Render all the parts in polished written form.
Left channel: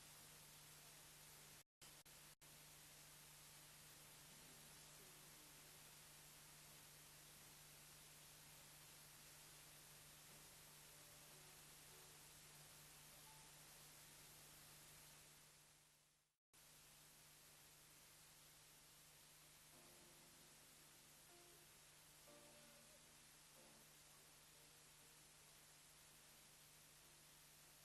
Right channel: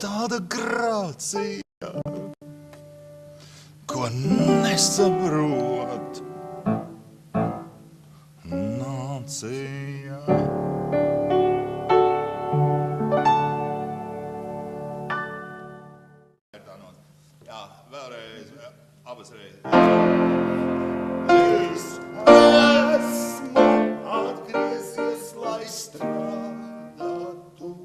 tāda grācija, ko nesaprot nācija. Jā, vēlreiz, abas reizes. Es esmu atgriezies, lai strādātu.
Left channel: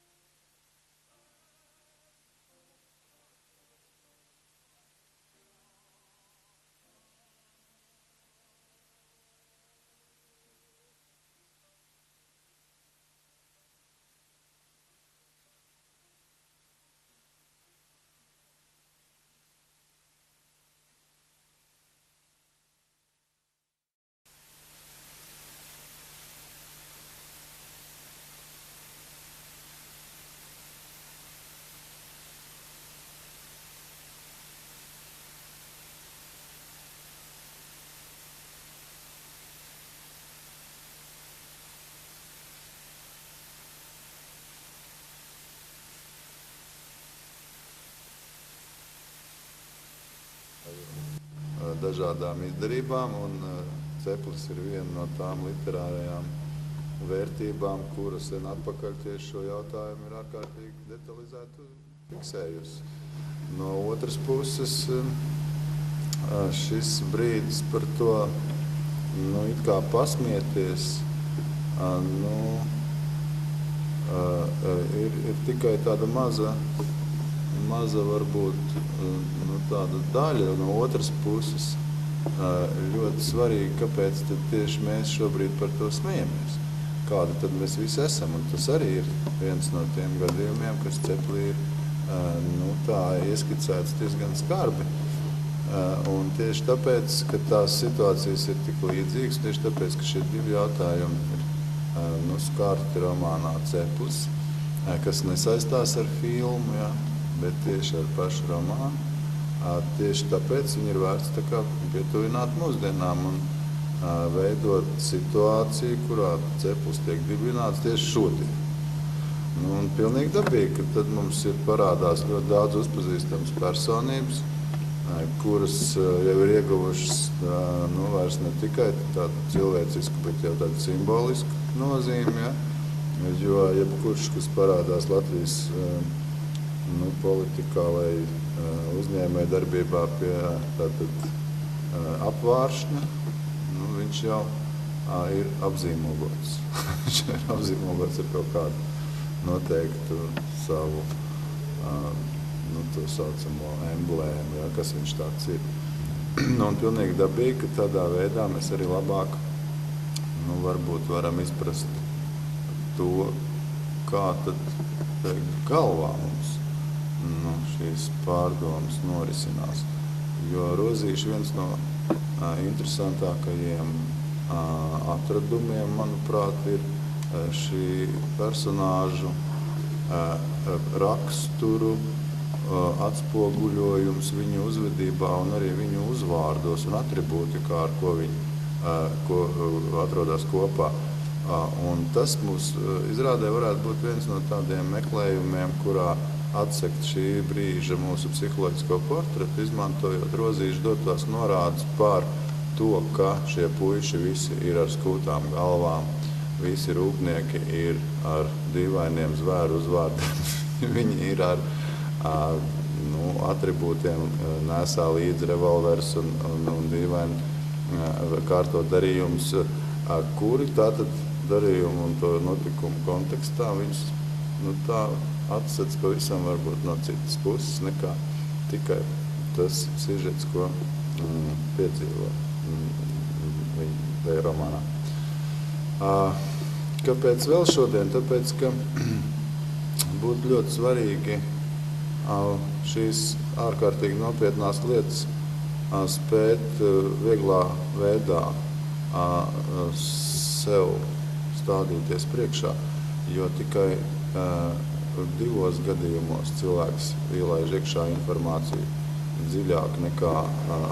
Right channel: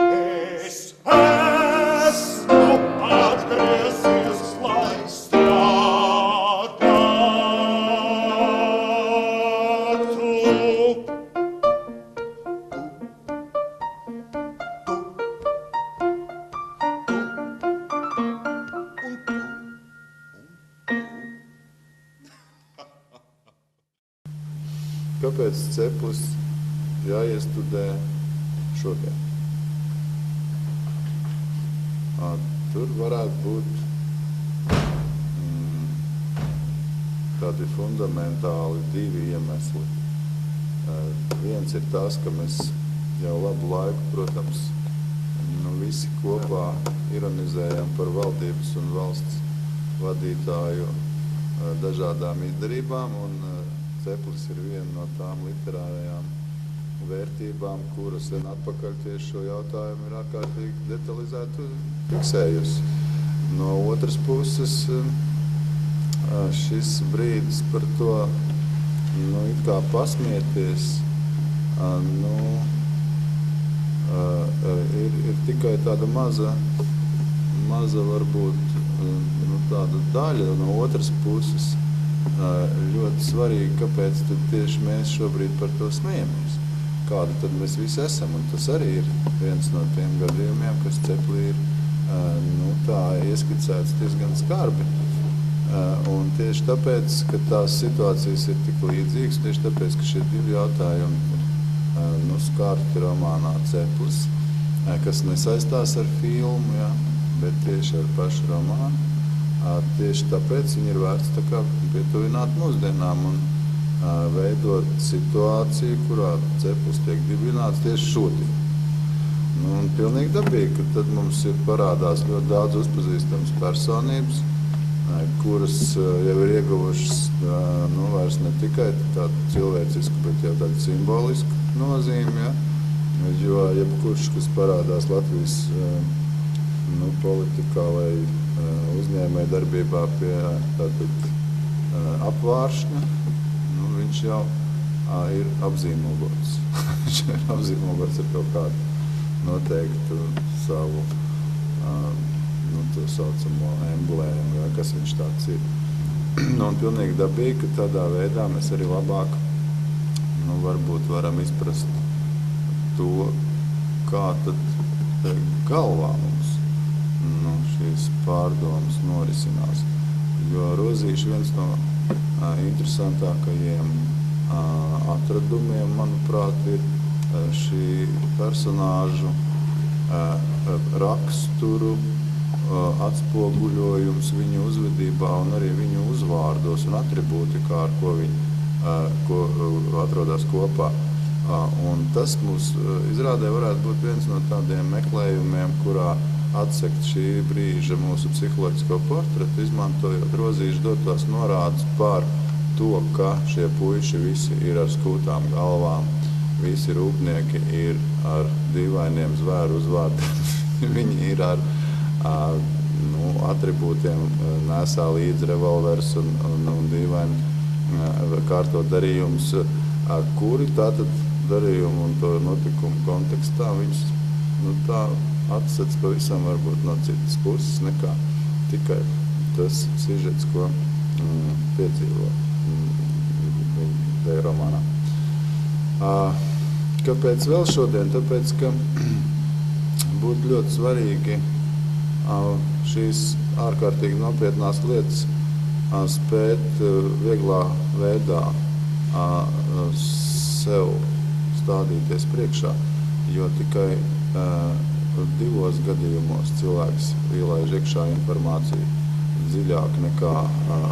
Es esmu atgriezies, lai strādātu. Kāpēc ceplis jāiestudē šodien? Tur varētu būt tādi fundamentāli divi iemesli. Viens ir tas, ka mēs jau labu laiku, protams, visi kopā ironizējam par valdības un valsts vadītāju dažādām izdarībām, un ceplis ir viena no tām literārajām vērtībām, kuras sen atpakaļ tieši šo jautājumu ir ārkārtīgi detalizēti fiksējusi. No otras puses, šis brīdis par to, it kā pasmieties, ir tikai tāda maza varbūt, tāda daļa. No otras puses, ļoti svarīgi, kāpēc tad tieši mēs šobrīd par to smejamies. Kādi tad mēs visi esam, un tas arī ir viens no tiem gadījumiem, kas ceplī ir tā ieskicēts diezgan skarbi. Un tieši tāpēc, ka tās situācijas ir tik līdzīgas, tieši tāpēc, ka šie divi jautājumi ir skarti romānā Ceplis, kas nesaistās ar filmu, bet tieši ar pašu romānu. Tieši tāpēc viņi ir vērts tā kā pietuvināt mūsdienām un veidot situāciju, kurā Ceplis tiek dibināts tieši šodien. Un pilnīgi dabīgi, ka tad mums ir parādās ļoti daudz uzpazīstams personības, kuras jau ir ieguvušas vairs ne tikai tādu cilvēcisku, bet jau tādu simbolisku nozīmi, jo jebkurš, kas parādās Latvijas politikā vai uzņēmēja darbībā pie tātad apvāršņa, viņš jau ir apzīmogots. Viņš ir apzīmogots ar kaut kādu noteiktu savu to saucamo emblēmu, kas viņš tāds ir. Un pilnīgi dabīgi, ka tādā veidā mēs arī labāk varbūt varam izprast to, kā tad galvā mums šīs pārdomas norisinās. Jo Rozīša viens no interesantākajiem atradumiem, manuprāt, ir šī personāžu raksturu atspoguļojums viņu uzvedībā un arī viņu uzvārdos un atribūtikā, ar ko viņi atrodas kopā. Un tas mums izrādē varētu būt viens no tādiem meklējumiem, kurā atsekt šī brīža mūsu psiholoģisko portretu, izmantojot Rozīšu dotās norādes par to, ka šie puiši visi ir ar skūtām galvām, visi rūpnieki ir ar dīvainiem zvēru uzvārdiem, viņi ir ar atribūtiem, nesā līdz revolvers un dīvaini kārtot darījumus, kuri tātad darījumu un to notikumu kontekstā viņus tā atsec pavisam varbūt no citas puses nekā tikai tas sižets, ko piedzīvo viņa romānā. Kāpēc vēl šodien? Tāpēc, ka būtu ļoti svarīgi šīs ārkārtīgi nopietnās lietas spēt vieglā veidā sev stādīties priekšā, jo tikai divos gadījumos cilvēks ielaiž iekšā informāciju dziļāk nekā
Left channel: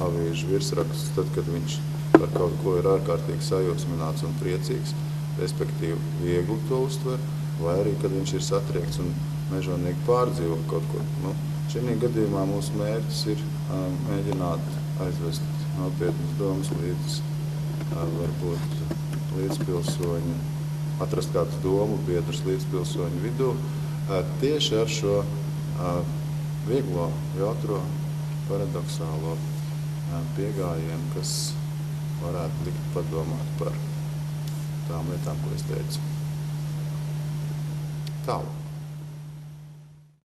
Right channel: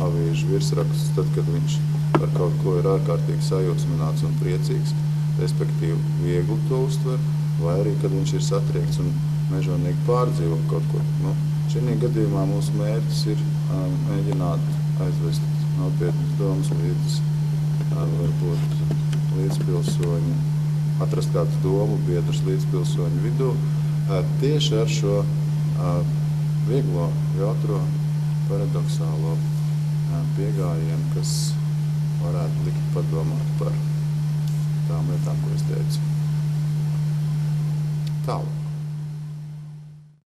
avīžu virsrakstus, tad, kad viņš par kaut ko ir ārkārtīgi sajūsmināts un priecīgs, respektīvi viegli to uztver, vai arī, kad viņš ir satriekts. Un mežonīgi pārdzīvo kaut ko. Nu, šī gadījumā mūsu mērķis ir mēģināt aizvest nopietnas domas līdz varbūt līdzpilsoņu, atrast kādus domu biedrus līdzpilsoņu vidū, tieši ar šo vieglo, jautro, paradoxālo piegājienu, kas varētu likt padomāt par tām lietām, ko es teicu. Tālāk.